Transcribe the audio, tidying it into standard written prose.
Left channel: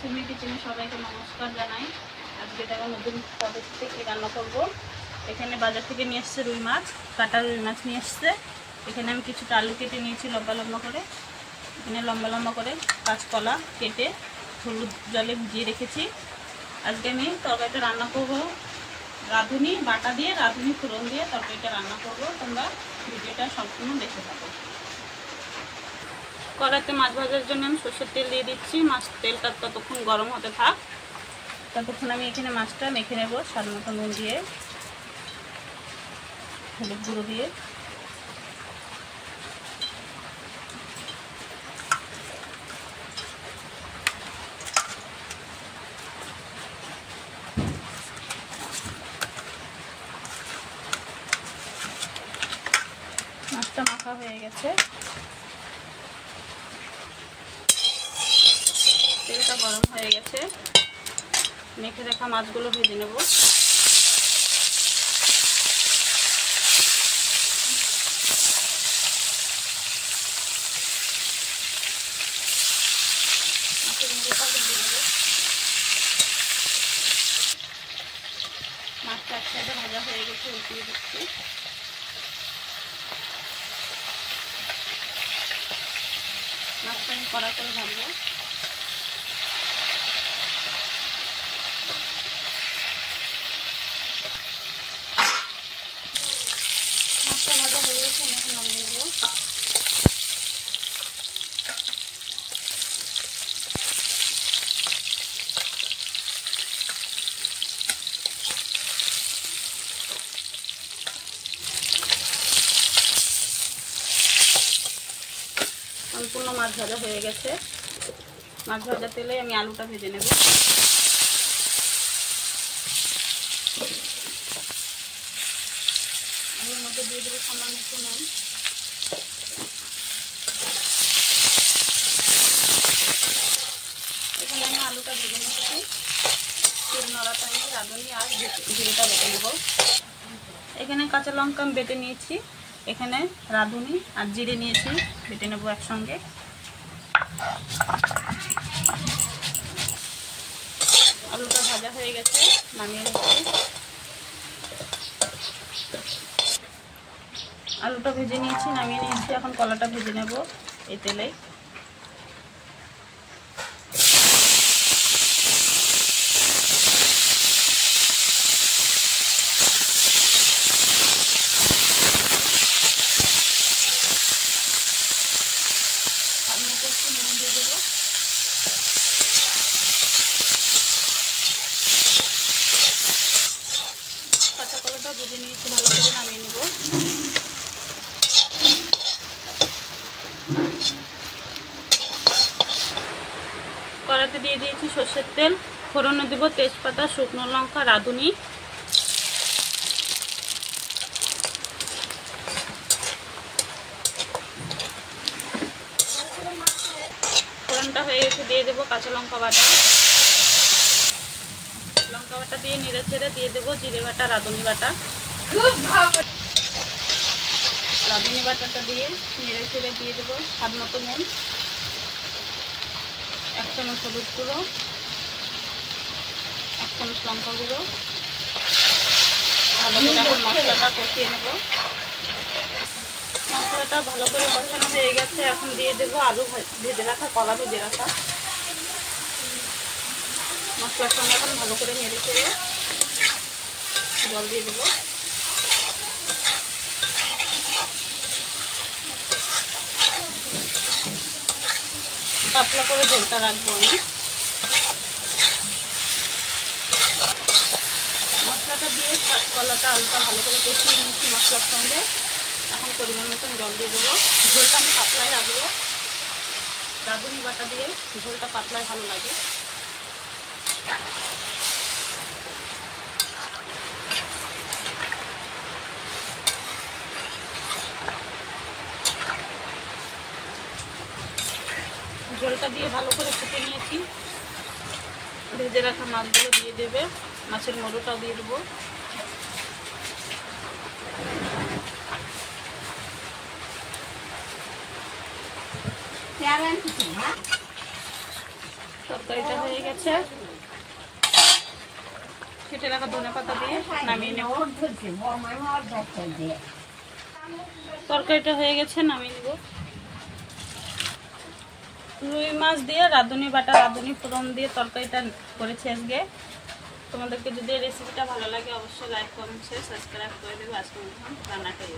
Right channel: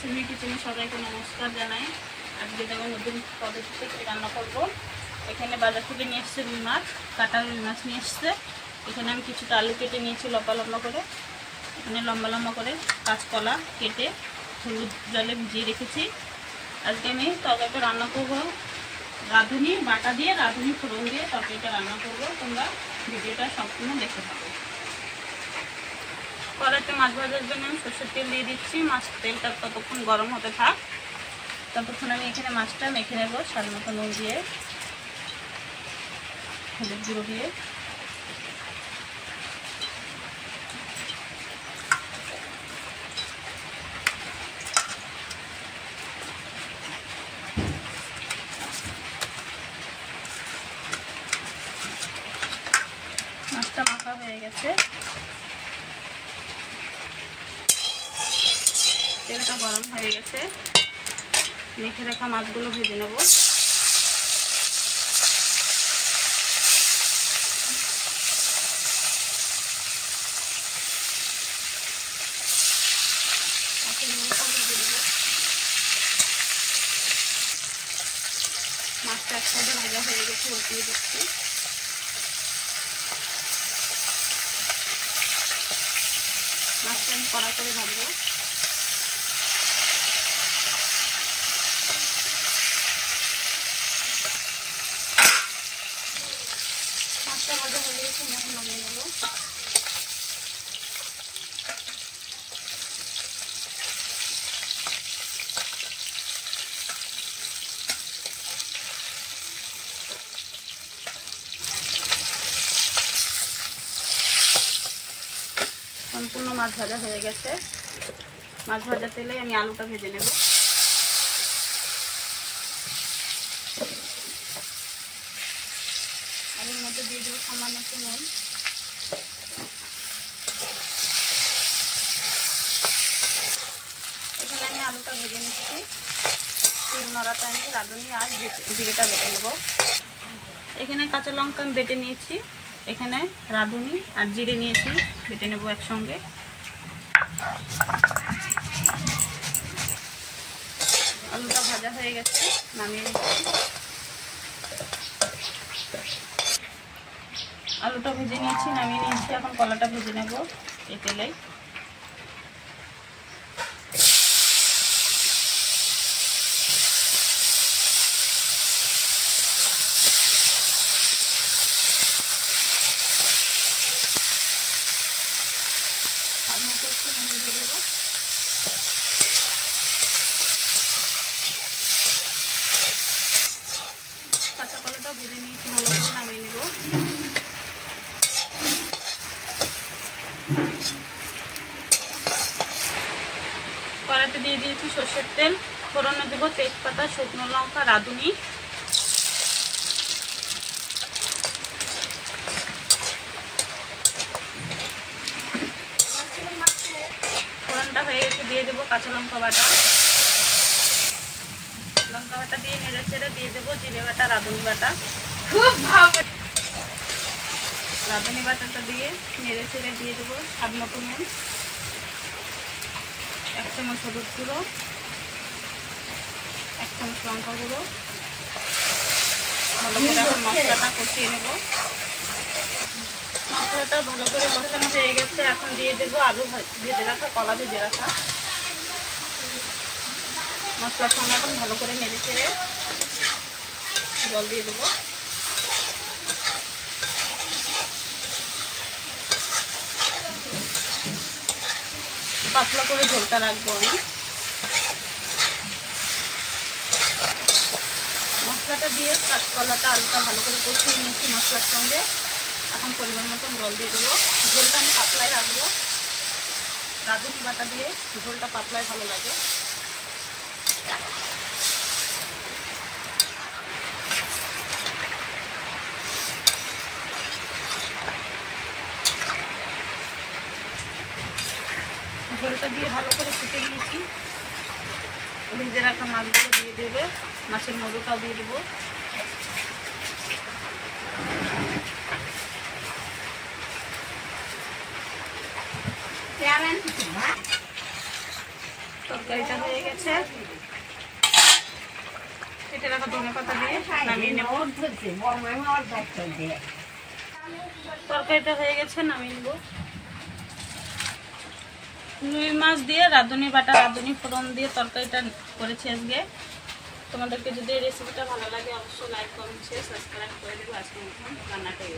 সুমি কিচেনে সবাইকে নমস্কার জানাই। আজকে দেখো নতুন পদ্ধতিতে কি রান্না করব। এখানে বাজার থেকে নিয়ে এসেছে রুই মাছ, কাটা রুই মাছ নিয়ে এসেছে। এখানে আমি কিছুটা আলু কেটে নিয়েছি লম্বা লম্বা করে। এখানে লম্বা লম্বা করে কাঁচকলা কেটে হলুদ জলে ভিজিয়ে রেখেছি। আজকে আমি তরকারিটা রান্না করব রাঁধুনি বাটা দিয়ে, রাঁধুনি ফোড়ন দিয়ে তরকারিটা রান্না করব। তোমরা ভিডিওটা সম্পূর্ণ দেখতে থাকো। কড়াইতে মাছ ভাজার জন্য আমি সরষের তেল দিয়ে দিচ্ছি। মাছ তেলটা ততক্ষণ গরম হতে থাক, ততক্ষণ আমি এখানে মাছটা মেখে নেব স্বাদ মতো নুন দিয়ে, হলুদ গুঁড়ো দিয়ে। মাছটা মাখা হয়ে গেছে, তেলটা গরম হয়ে গেছে। মেখে রাখা মাছগুলো ভেজে নেব। মাছটা একসাথে ভাজা হয়ে গেছে, উঠিয়ে দিচ্ছি। মাছটা আমি কড়া করে ভাজবো। মাছটা ভাজা হয়ে গেছে, নামিয়ে দেবো। সম্পূর্ণ মাছ ভাজা হয়ে গেছে। মাছ ভাজা তেলে আমি আলুটা ভেজে নেব। আলুর মধ্যে দিয়ে দেবো সামান্য একটু নুন। এখানে আমি আলুটা ভেজে নিচ্ছি। তেল নড়ার টাইমে রাঁধুনি আর জিরেটা বেটে নেব। এখানে কাঁচা লঙ্কা আমি বেটে নিয়েছি, এখানে রাঁধুনি আর জিরে নিয়েছি, বেটে নেব একসঙ্গে। আলুটা ভাজা হয়ে গেছে, নামিয়ে নিচ্ছি। আলুটা ভেজে নিয়েছি, নামিয়ে নিয়েছি। এখন কলাটা ভেজে নেব এই তেলে। কাঁচা কলাটা ভেজে নিয়েছি, ভালো করে নামিয়ে নেব। কড়াইতে দিয়ে দিয়েছি সরষের তেল, ফোড়নে দেবো তেজপাতা, শুকনো লঙ্কা, রাঁধুনি। ফোড়নটা হয়ে গেছে, দিয়ে দেবো কাঁচা লঙ্কা বাটা। লঙ্কা বাটা দিয়ে নেড়ে চেড়ে দিয়ে দেবো জিরে বাটা, রাঁধুনি বাটা। রাঁধুনি বাটাটা দিয়ে নেড়ে চেড়ে দিয়ে দেবো স্বাদ মতো নুন, 1 চামচ হলুদ গুঁড়ো, 1 চামচ লঙ্কা গুঁড়ো। ভালো করে মশলাটা কষিয়ে নেব। মশলাটা ভালো করে কষানো হয়ে গেছে, এখন দিয়ে দেবো আলু ভেজে রাখা, কলা ভেজে রাখা। মশলার সঙ্গে এখন ভালো করে নেড়ে চেড়ে জল দিয়ে দেবো। পাতলা করে ঝোলটা রাখবো আমি। মশলাটা দিয়ে কলাটা আলুটা ভালো করে কষিয়ে নিচ্ছি মশলার সঙ্গে। এখন পরিমাণ মতন জল দিয়ে দেবো। ঝোলটা আমি পাতলাই রাখবো, রাঁধুনি বাটা দিয়ে ঝোলটা পাতলাই ভালো লাগে। ঝোলটা দিয়ে ভালো করে ফুটে নিয়েছি। ভেজে রাখা মাছগুলো দিয়ে দেবে, মাছের মুড়োটাও দিয়ে দেবো। তরকারিটা হয়ে গেছে, কেটে রাখা ধনেপাতা দিয়ে নামিয়ে নেব। তরকারিটা হয়ে গেছে, নামিয়ে নেব। রুই মাছ দিয়ে রাঁধুনি বাটা, রাঁধুনি ফোড়ন দিয়ে তরকারিটা করেছি আজকে। তোমাদেরকে যদি এই রেসিপিটা ভালো লাগে অবশ্যই লাইক, কমেন্ট, শেয়ার, সাবস্ক্রাইব করে দেবো। আজকে রান্নাটাই